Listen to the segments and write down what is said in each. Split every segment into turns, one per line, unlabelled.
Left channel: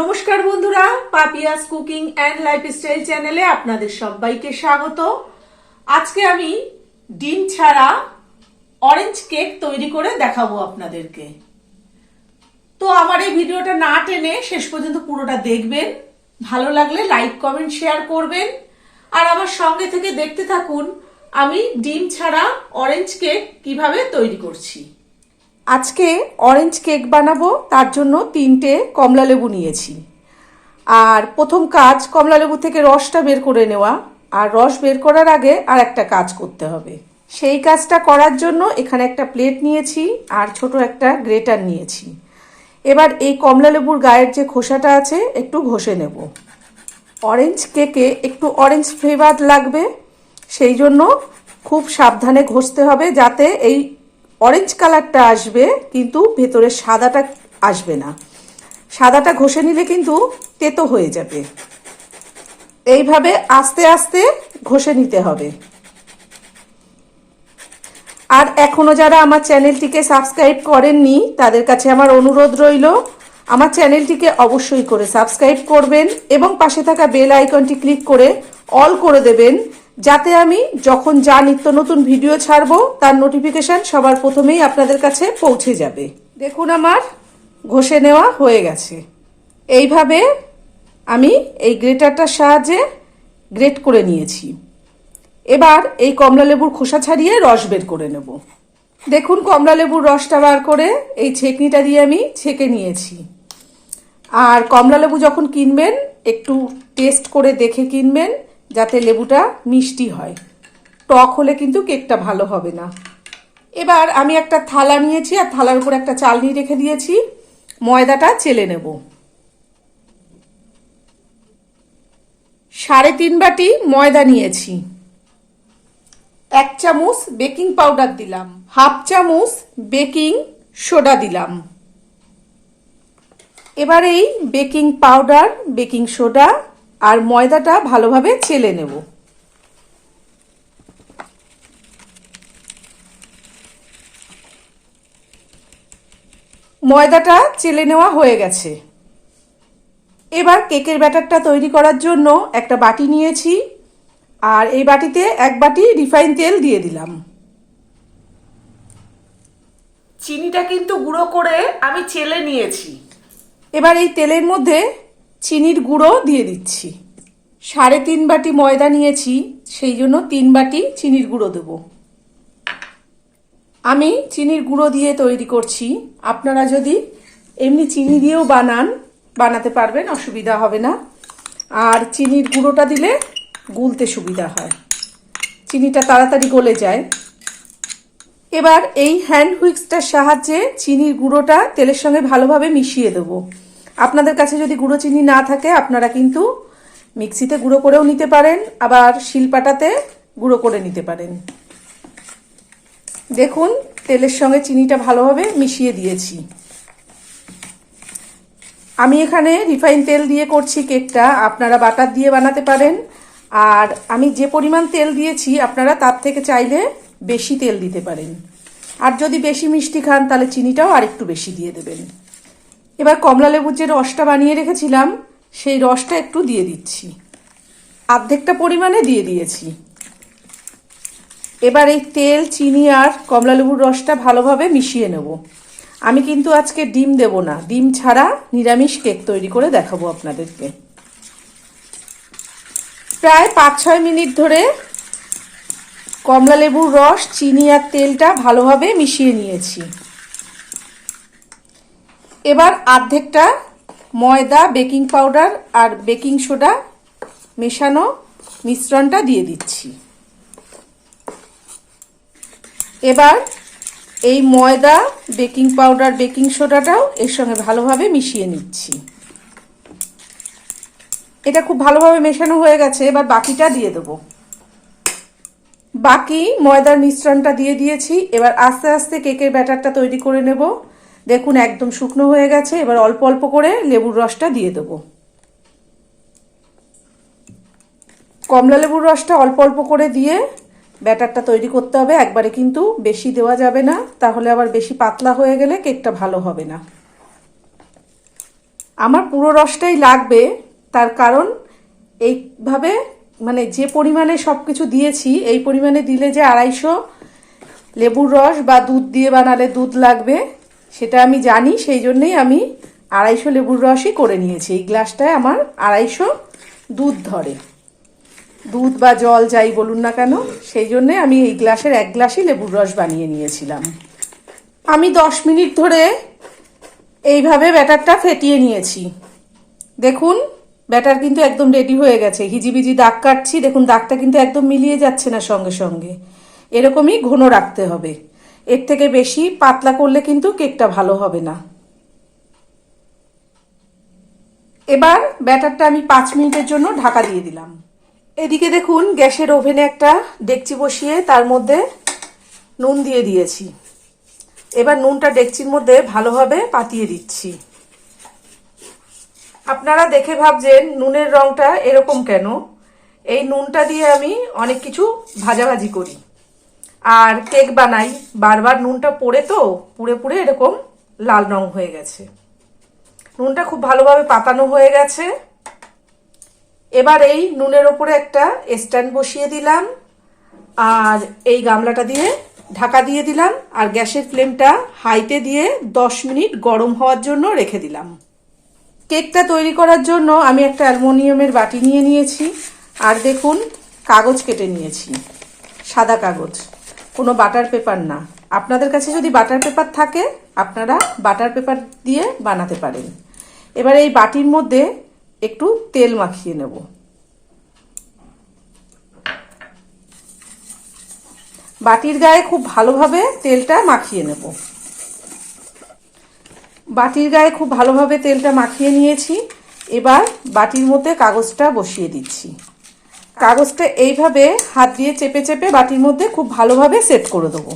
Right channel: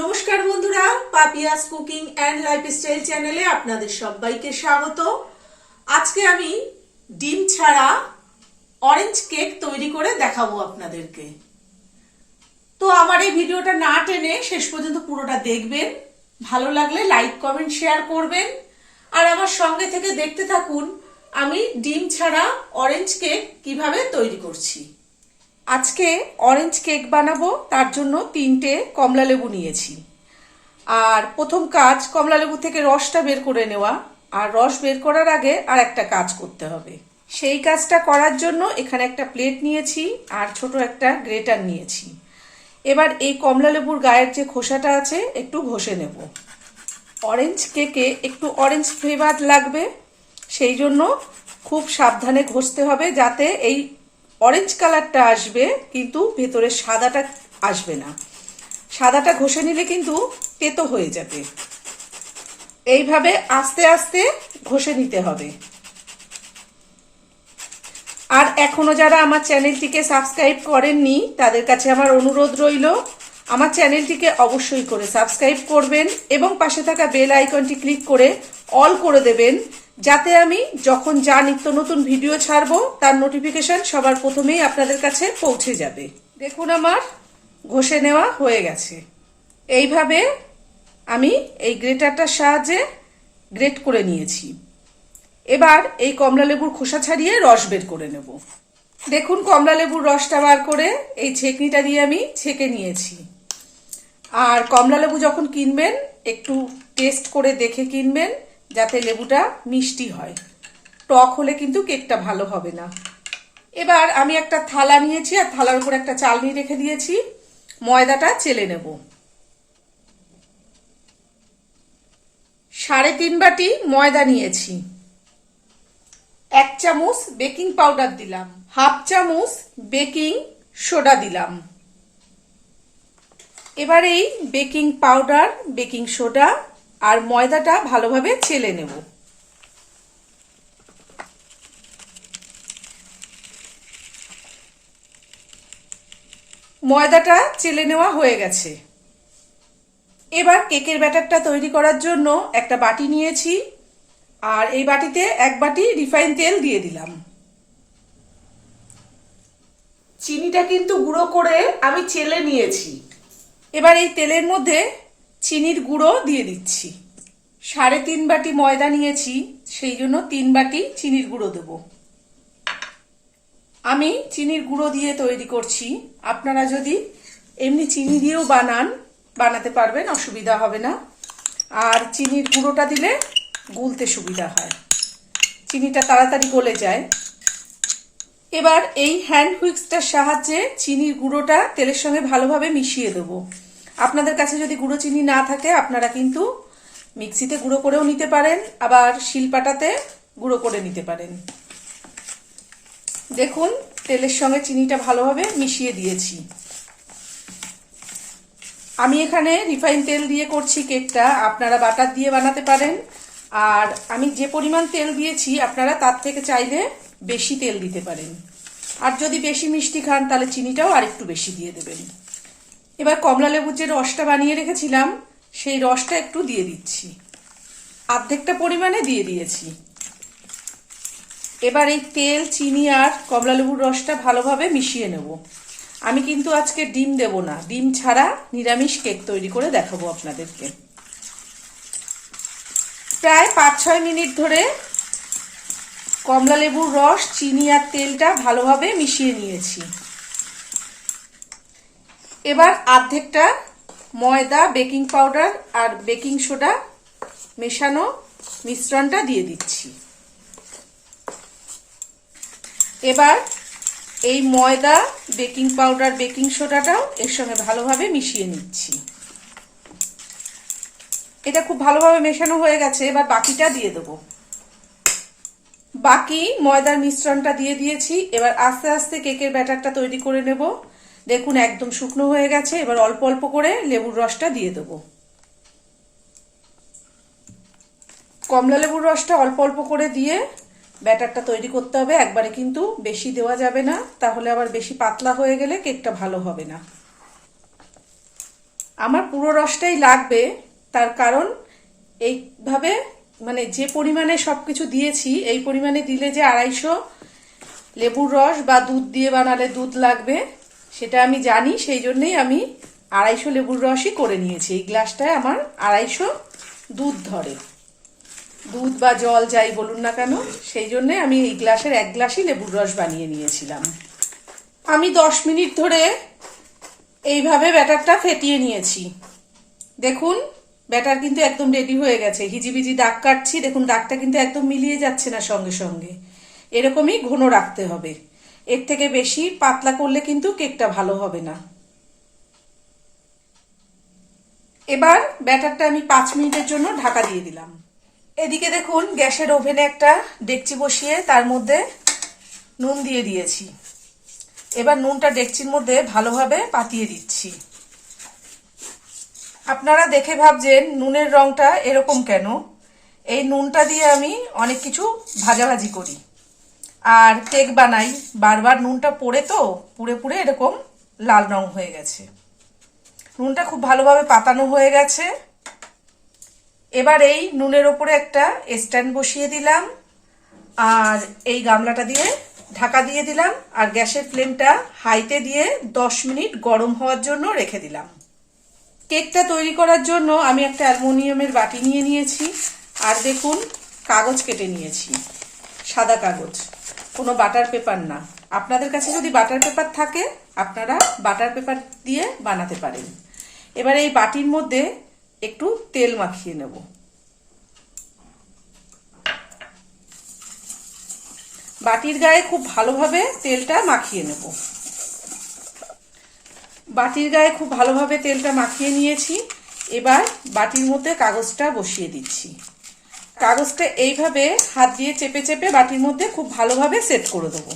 নমস্কার বন্ধুরা, Papiya's cooking and lifestyle চ্যানেলে আপনাদের সবাইকে স্বাগত। আজকে আমি ডিম ছাড়া অরেঞ্জ কেক তৈরি করে দেখাবো আপনাদেরকে। তো আমার এই ভিডিওটা না টেনে শেষ পর্যন্ত পুরোটা দেখবেন, ভালো লাগলে লাইক, কমেন্ট, শেয়ার করবেন। আর আমার সঙ্গে থেকে দেখতে থাকুন, আমি ডিম ছাড়া অরেঞ্জ কেক কীভাবে তৈরি করছি। আজকে অরেঞ্জ কেক বানাবো, তার জন্য তিনটে কমলা লেবু নিয়েছি। আর প্রথম কাজ, কমলা লেবু থেকে রসটা বের করে নেওয়া। আর রস বের করার আগে আর একটা কাজ করতে হবে। সেই কাজটা করার জন্য এখানে একটা প্লেট নিয়েছি আর ছোট একটা গ্রেটার নিয়েছি। এবার এই কমলা লেবুর গায়ের যে খোসাটা আছে, একটু ঘষে নেব। অরেঞ্জ কেকে একটু অরেঞ্জ ফ্লেভার লাগবে, সেই জন্য খুব সাবধানে ঘষতে হবে যাতে এই অরেঞ্জ কালারটা আসবে, কিন্তু ভেতরে সাদাটা আসবে না। সাদাটা ঘষে নিলে কিন্তু তেতো হয়ে যাবে। এইভাবে আস্তে আস্তে ঘষে নিতে হবে। আর এখনও যারা আমার চ্যানেলটিকে সাবস্ক্রাইব করেননি, তাদের কাছে আমার অনুরোধ রইল, আমার চ্যানেলটিকে অবশ্যই করে সাবস্ক্রাইব করবেন এবং পাশে থাকা বেল আইকনটি ক্লিক করে অল করে দেবেন যাতে আমি যখন যা নিত্য নতুন ভিডিও ছাড়বো, তার নোটিফিকেশন সবার প্রথমেই আপনাদের কাছে পৌঁছে যাবে। দেখুন আমার, ঘষে নেওয়া হয়ে গেছে। এইভাবে আমি এই গ্রেটারটার সাহায্যে গ্রেট করে নিয়েছি। এবার এই কমলা লেবুর খোসা ছাড়িয়ে রস বের করে নেব। দেখুন কমলা লেবুর রসটা বার করে এই ছেঁকনিটা দিয়ে আমি ছেঁকে নিয়েছি। আর কমলা লেবু যখন কিনবেন, একটু টেস্ট করে দেখে কিনবেন যাতে লেবুটা মিষ্টি হয়। টক হলে কিন্তু কেকটা ভালো হবে না। এবার আমি একটা থালা নিয়েছি আর থালার উপর একটা চালনি রেখে দিয়েছি। ময়দাটা চেলে নেব। সাড়ে তিন বাটি ময়দা নিয়েছি। এক চামচ বেকিং পাউডার দিলাম। হাফ চামচ বেকিং সোডা দিলাম। এবার এই বেকিং পাউডার, বেকিং সোডা আর ময়দাটা ভালোভাবে চেলে নেব। ময়দাটা চেলে নেওয়া হয়ে গেছে। এবার কেকের ব্যাটারটা তৈরি করার জন্য একটা বাটি নিয়েছি আর এই বাটিতে এক বাটি রিফাইন তেল দিয়ে দিলাম। চিনিটা কিন্তু গুঁড়ো করে আমি চেলে নিয়েছি। এবার এই তেলের মধ্যে চিনির গুঁড়ো দিয়ে দিচ্ছি। সাড়ে তিন বাটি ময়দা নিয়েছি, সেই জন্য তিন বাটি চিনির গুঁড়ো দেব। আমি চিনির গুঁড়ো দিয়ে তৈরি করছি। আপনারা যদি এমনি চিনি দিয়েও বানান, বানাতে পারবেন, অসুবিধা হবে না। আর চিনির গুঁড়োটা দিলে গুলতে সুবিধা হয়। চিনিটা তাড়াতাড়ি গলে যায়। এবার এই হ্যান্ড হুইক্সটার সাহায্যে চিনির গুঁড়োটা তেলের সঙ্গে ভালোভাবে মিশিয়ে দেব। আপনাদের কাছে যদি গুঁড়ো চিনি না থাকে, আপনারা কিন্তু মিক্সিতে গুঁড়ো করেও নিতে পারেন, আবার শিলপাটাতে গুঁড়ো করে নিতে পারেন। দেখুন, তেলের সঙ্গে চিনিটা ভালোভাবে মিশিয়ে দিয়েছি। আমি এখানে রিফাইন তেল দিয়ে করছি কেকটা, আপনারা বাটার দিয়ে বানাতে পারেন। আর আমি যে পরিমাণ তেল দিয়েছি, আপনারা তার থেকে চাইলে বেশি তেল দিতে পারেন। আর যদি বেশি মিষ্টি খান, তাহলে চিনিটাও আর একটু বেশি দিয়ে দেবেন। এবার কমলা লেবুর যে রসটা বানিয়ে রেখেছিলাম, সেই রসটা একটু দিয়ে দিচ্ছি। অর্ধেকটা পরিমাণে দিয়ে দিয়েছি। এবার এই তেল, চিনি আর কমলা লেবুর রসটা ভালোভাবে মিশিয়ে নেব। আমি কিন্তু আজকে ডিম দেব না। ডিম ছাড়া নিরামিষ কেক তৈরি করে দেখাবো আপনাদেরকে। প্রায় পাঁচ ছয় মিনিট ধরে কমলা লেবুর রস, চিনি আর তেলটা ভালোভাবে মিশিয়ে নিয়েছি। এবার অর্ধেকটা ময়দা, বেকিং পাউডার আর বেকিং সোডা মেশানো মিশ্রণটা দিয়ে দিচ্ছি। এবার এই ময়দা, বেকিং পাউডার, বেকিং সোডাটাও এর সঙ্গে ভালোভাবে মিশিয়ে নিচ্ছি। এটা খুব ভালোভাবে মেশানো হয়ে গেছে, এবার বাকিটা দিয়ে দেবো। বাকি ময়দার মিশ্রণটা দিয়ে দিয়েছি, এবার আস্তে আস্তে কেকের ব্যাটারটা তৈরি করে নেব। দেখুন, একদম শুকনো হয়ে গেছে। এবার অল্প অল্প করে লেবুর রসটা দিয়ে দেব। কমলা লেবুর রসটা অল্প অল্প করে দিয়ে ব্যাটারটা তৈরি করতে হবে। একবারে কিন্তু বেশি দেওয়া যাবে না। তাহলে আবার বেশি পাতলা হয়ে গেলে কেকটা ভালো হবে না। আমার পুরো রসটাই লাগবে। তার কারণ এইভাবে মানে যে পরিমাণে সব কিছু দিয়েছি, এই পরিমাণে দিলে যে আড়াইশো লেবুর রস বা দুধ দিয়ে বানালে দুধ লাগবে। সেটা আমি জানি, সেই জন্যই আমি আড়াইশো লেবুর রসই করে নিয়েছি। এই গ্লাসটায় আমার আড়াইশো দুধ ধরে। দুধ বা জল যাই বলুন না কেন, সেই জন্যে আমি এই গ্লাসের এক গ্লাসই লেবুর রস বানিয়ে নিয়েছিলাম। আমি দশ মিনিট ধরে এইভাবে ব্যাটারটা ফেটিয়ে নিয়েছি। দেখুন, ব্যাটার কিন্তু একদম রেডি হয়ে গেছে। হিজিবিজি দাগ কাটছি, দেখুন দাগটা কিন্তু একদম মিলিয়ে যাচ্ছে না সঙ্গে সঙ্গে। এরকমই ঘন রাখতে হবে। এর থেকে বেশি পাতলা করলে কিন্তু কেকটা ভালো হবে না। এবার ব্যাটারটা আমি পাঁচ মিনিটের জন্য ঢাকা দিয়ে দিলাম। এদিকে দেখুন, গ্যাসের ওভেনে একটা ডেকচি বসিয়ে তার মধ্যে নুন দিয়ে দিয়েছি। এবার নুনটা ডেকচির মধ্যে ভালোভাবে পাতিয়ে দিচ্ছি। আপনারা দেখে ভাবছেন নুনের রংটা এরকম কেন? এই নুনটা দিয়ে আমি অনেক কিছু ভাজাভাজি করি। আর কেক বানাই। বারবার নুনটা পড়ে তো, পুড়ে পুড়ে এরকম লাল রং হয়ে গেছে। নুনটা খুব ভালোভাবে পাতানো হয়ে গেছে। এবার এই নুনের ওপরে একটা স্ট্যান্ড বসিয়ে দিলাম। আর এই গামলাটা দিয়ে ঢাকা দিয়ে দিলাম। আর গ্যাসের ফ্লেমটা হাইতে দিয়ে দশ মিনিট গরম হওয়ার জন্য রেখে দিলাম। কেকটা তৈরি করার জন্য আমি একটা অ্যালমোনিয়ামের বাটি নিয়ে নিয়েছি। আর দেখুন, কাগজ কেটে নিয়েছি। সাদা কাগজ। কোনো বাটার পেপার না। আপনাদের কাছে যদি বাটার পেপার থাকে, আপনারা বাটার পেপার দিয়ে বানাতে পারেন। এবার এই বাটির মধ্যে একটু তেল মাখিয়ে নেব। বাটির গায়ে খুব ভালোভাবে তেলটা মাখিয়ে নেব। বাটির গায়ে খুব ভালোভাবে তেলটা মাখিয়ে নিয়েছি। এবার বাটির মধ্যে কাগজটা বসিয়ে দিচ্ছি। কাগজটা এইভাবে হাত দিয়ে চেপে চেপে বাটির মধ্যে খুব ভালোভাবে সেট করে দেবো।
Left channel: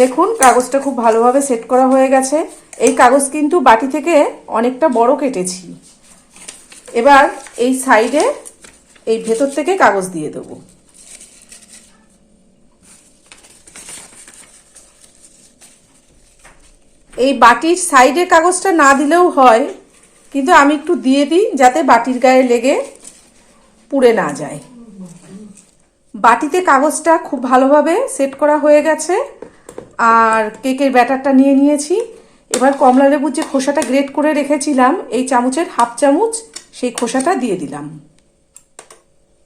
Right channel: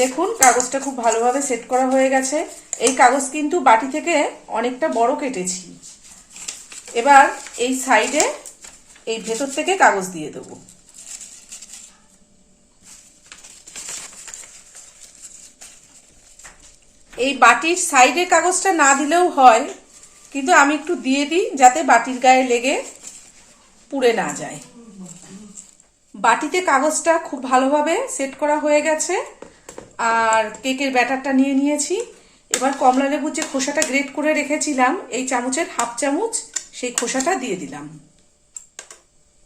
দেখুন, কাগজটা খুব ভালোভাবে সেট করা হয়ে গেছে। এই কাগজ কিন্তু বাটি থেকে অনেকটা বড় কেটেছি। এবার এই সাইডে এই ভেতর থেকে কাগজ দিয়ে দেবো। এই বাটির সাইডে কাগজটা না দিলেও হয়, কিন্তু আমি একটু দিয়ে দিই যাতে বাটির গায়ে লেগে পুড়ে না যায়। বাটিতে কাগজটা খুব ভালোভাবে সেট করা হয়ে গেছে, আর কেকের ব্যাটারটা নিয়ে নিয়েছি। এবার কমলা লেবুর যে খোসাটা গ্রেট করে রেখেছিলাম, এই চামচের হাফ চামচ সেই খোসাটা দিয়ে দিলাম।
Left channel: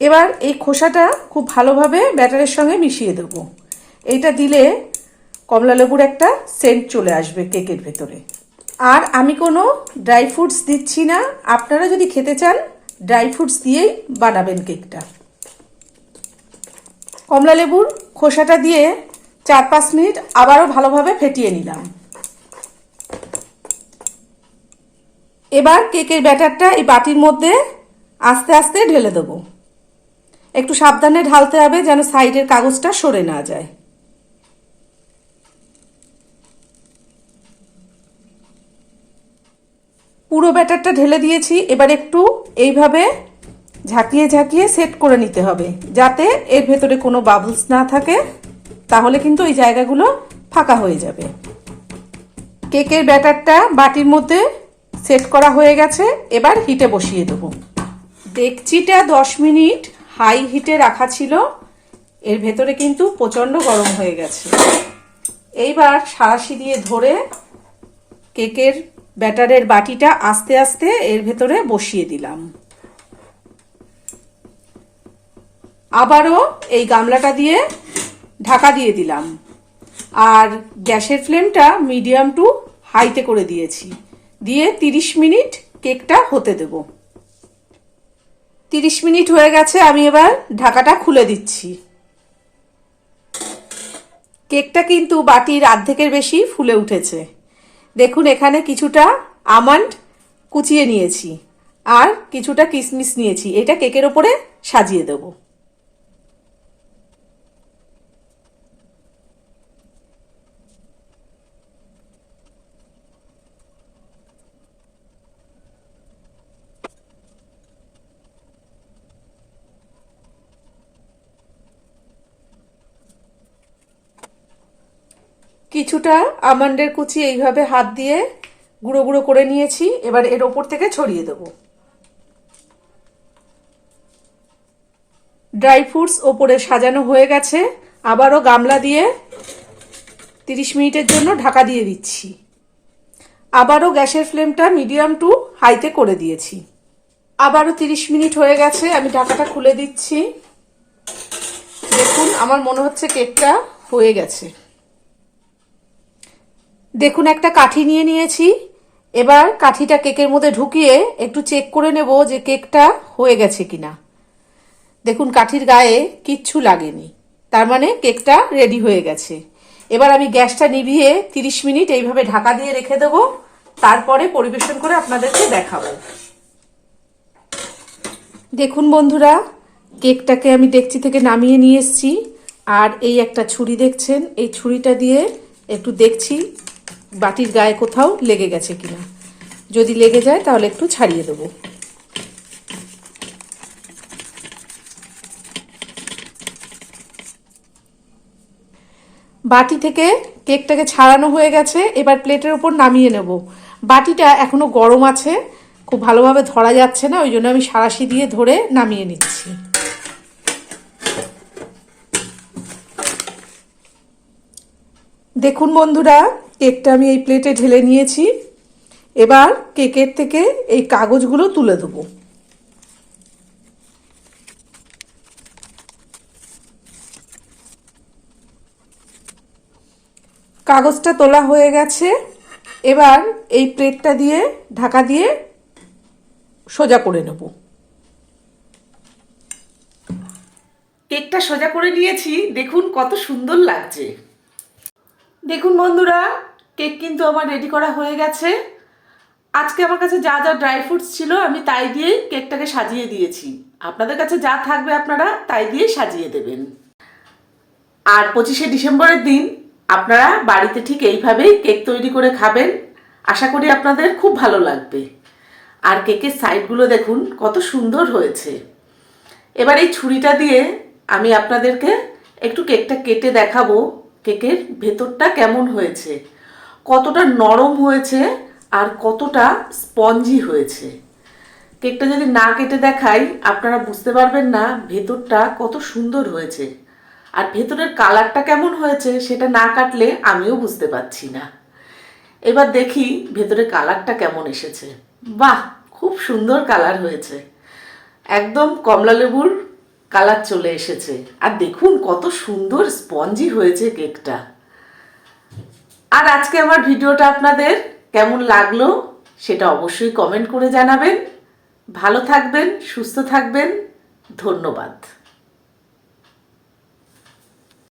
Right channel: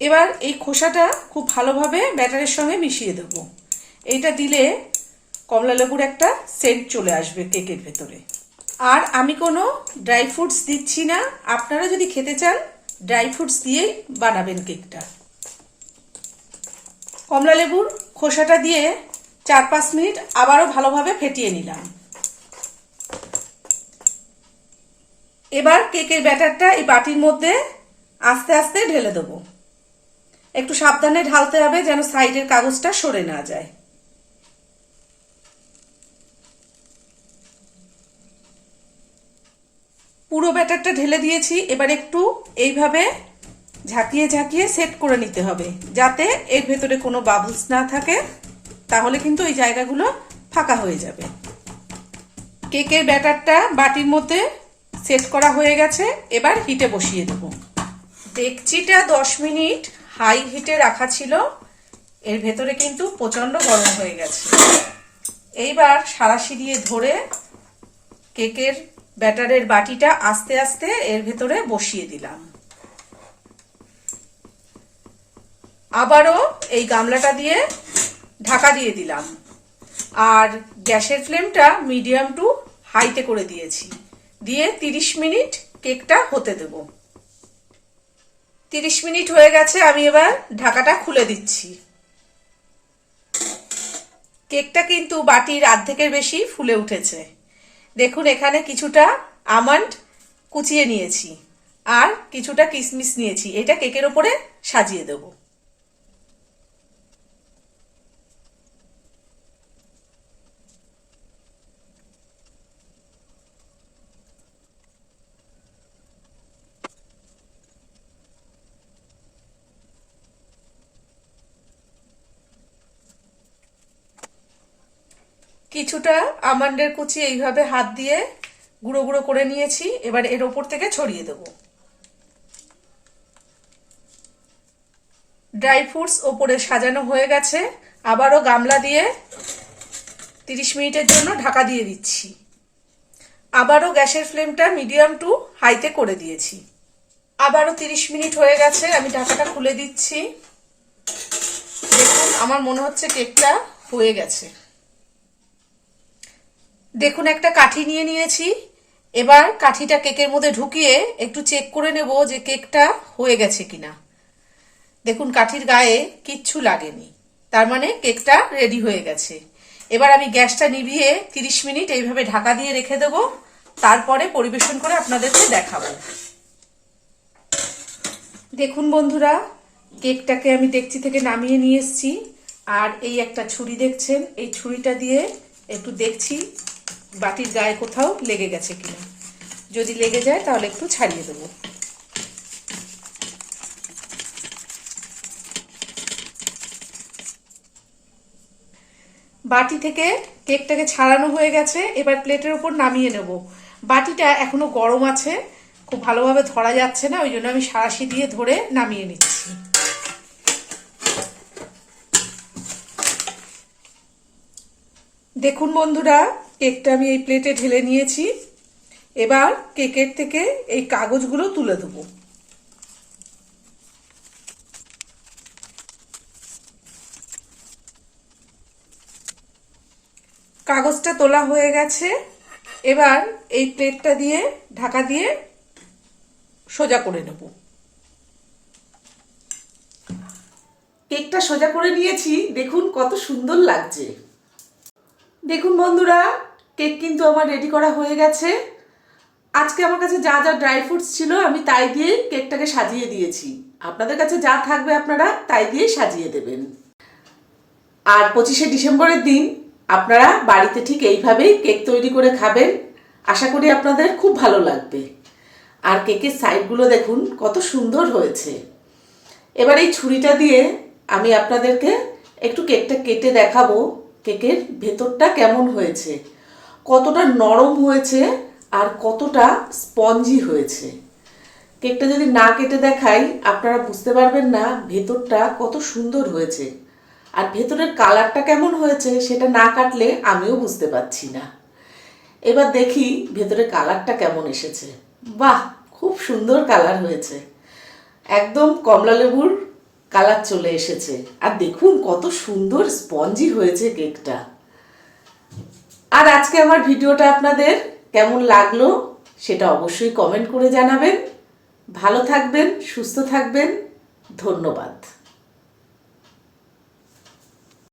এবার এই খোসাটা খুব ভালোভাবে ব্যাটারের সঙ্গে মিশিয়ে দেব। এইটা দিলে কমলা লেবুর একটা সেন্ট চলে আসবে কেকের ভেতরে। আর আমি কোনো ড্রাই ফ্রুটস দিচ্ছি না। আপনারা যদি খেতে চান ড্রাই ফ্রুটস দিয়েই বানাবেন কেকটা। কমলা লেবুর খোসাটা দিয়ে চার পাঁচ মিনিট আবারও ভালোভাবে ফেটিয়ে নিলাম। এবার কেকের ব্যাটারটা এই বাটির মধ্যে আস্তে আস্তে ঢেলে দেবো। একটু সাবধানে ঢালতে হবে যেন সাইডের কাগজটা সরে না যায়। পুরো ব্যাটারটা ঢেলে দিয়েছি, এবার একটু এইভাবে ঝাঁকিয়ে ঝাঁকিয়ে সেট করে নিতে হবে। যাতে এর ভেতরে কোনো বাবলস না থাকে, তাহলে কিন্তু এই জায়গাগুলো ফাঁকা হয়ে যাবে। কেকের ব্যাটারটা বাটির মধ্যে সেট করা হয়ে গেছে, এবার হিটে বসিয়ে দেব। ডেকচিটা দশ মিনিট হাই হিটে রাখা ছিল, এর ভেতরে কিন্তু প্রচণ্ড গরম হয়ে গেছে। এইবার সারাশি দিয়ে ধরে কেকের ব্যাটারের বাটিটা আস্তে আস্তে এর ভেতরে বসিয়ে দিলাম। আবারও এই গামলাটা দিয়ে ঢাকা দিয়ে দিলাম। আর গ্যাসের ফ্লেমটা মিডিয়াম টু হাইতে করে দিয়েছি। দিয়ে তিরিশ মিনিট কেকটা হতে দেব। তিরিশ মিনিট হয়ে গেছে, আমি এবার ঢাকাটা খুলে দিচ্ছি। কেকটা কিন্তু বাটির অর্ধেকের বেশি ফুলে উঠেছে। দেখুন, এখানে কিছুটা আমন্ড কুচিয়ে নিয়েছি আর কিছুটা কিশমিশ নিয়েছি। এটা কেকের ওপরে সাজিয়ে দেবো। কিছুটা আমন্ডের কুচি এইভাবে হাত দিয়ে গুঁড়ো গুঁড়ো করে নিয়েছি, এবার এর ওপর থেকে ছড়িয়ে দেবো। ড্রাই ফ্রুটস ওপরে সাজানো হয়ে গেছে, আবারও গামলা দিয়ে তিরিশ মিনিটের জন্য ঢাকা দিয়ে দিচ্ছি। আবারও গ্যাসের ফ্লেমটা মিডিয়াম টু হাইতে করে দিয়েছি। আবারও তিরিশ মিনিট হয়ে গেছে, আমি ঢাকাটা খুলে দিচ্ছি। দেখুন, আমার মনে হচ্ছে কেকটা হয়ে গেছে। দেখুন, একটা কাঠি নিয়ে নিয়েছি। এবার কাঠিটা কেকের মধ্যে ঢুকিয়ে একটু চেক করে নেব যে কেকটা হয়ে গেছে কিনা। দেখুন, কাঠির গায়ে কিচ্ছু লাগেনি। তার মানে কেকটা রেডি হয়ে গেছে। এবার আমি গ্যাসটা নিভিয়ে তিরিশ মিনিট এইভাবে ঢাকা দিয়ে রেখে দেব। তারপরে পরিবেশন করে আপনাদেরকে দেখাবো। দেখুন বন্ধুরা, কেকটাকে আমি ডেকচি থেকে নামিয়ে নিয়ে এসেছি। আর এই একটা ছুরি দেখছেন, এই ছুরিটা দিয়ে একটু দেখছি বাটির গায়ে কোথাও লেগে গেছে কিনা। যদি লেগে যায়, তাহলে একটু ছাড়িয়ে দেবো। বাটি থেকে কেকটাকে ছাড়ানো হয়ে গেছে, এবার প্লেটের উপর নামিয়ে নেব। বাটিটা এখনও গরম আছে, খুব ভালোভাবে ধরা যাচ্ছে না, ওই জন্য আমি সারাশি দিয়ে ধরে নামিয়ে নিচ্ছি। দেখুন বন্ধুরা কেকটা আমি এই প্লেটে ঢেলে নিয়েছি। এবার কেকের থেকে এই কাগজগুলো তুলে দেবো। কাগজটা তোলা হয়ে গেছে। এবার এই প্লেটটা দিয়ে ঢাকা দিয়ে সোজা করে নেব। কেকটা সোজা করে নিয়েছি। দেখুন কত সুন্দর লাগছে। দেখুন বন্ধুরা কেক কিন্তু আমার রেডি করা হয়ে গেছে। আজকে আমার কাছে যা যা ড্রাই ফ্রুটস ছিল, আমি তাই দিয়ে কেকটাকে সাজিয়ে দিয়েছি। আপনাদের কাছে যা থাকবে আপনারা তাই দিয়ে সাজিয়ে দেবেন। আর পঁচিশে ডিসেম্বরের দিন আপনারা বাড়িতে ঠিক এইভাবেই কেক তৈরি করে খাবেন। আশা করি আপনাদের খুব ভালো লাগবে। আর কেকের সাইডগুলো দেখুন, কত সুন্দর হয়েছে। এবার এই ছুরিটা দিয়ে আমি আপনাদেরকে একটু কেকটা কেটে দেখাবো, কেকের ভেতরটা কেমন হয়েছে। কতটা নরম হয়েছে আর কতটা স্পঞ্জি হয়েছে। কেকটা যদি না কেটে দেখাই, আপনারা বুঝতে পারবেন না ভেতরটা কত সুন্দর হয়েছে। আর ভেতরের কালারটা কেমন হয়েছে, সেটা না কাটলে আমিও বুঝতে পারছি না। এবার দেখি ভেতরে কালারটা কেমন এসেছে। বাহ, খুব সুন্দর কালার হয়েছে। একদম কমলা লেবুর কালার চলে এসেছে। আর দেখুন কত সুন্দর স্পঞ্জি হয়েছে কেকটা। আর আজকে আমার ভিডিওটা আপনাদের কেমন লাগল সেটা অবশ্যই কমেন্ট করে জানাবেন। ভালো থাকবেন, সুস্থ থাকবেন। ধন্যবাদ।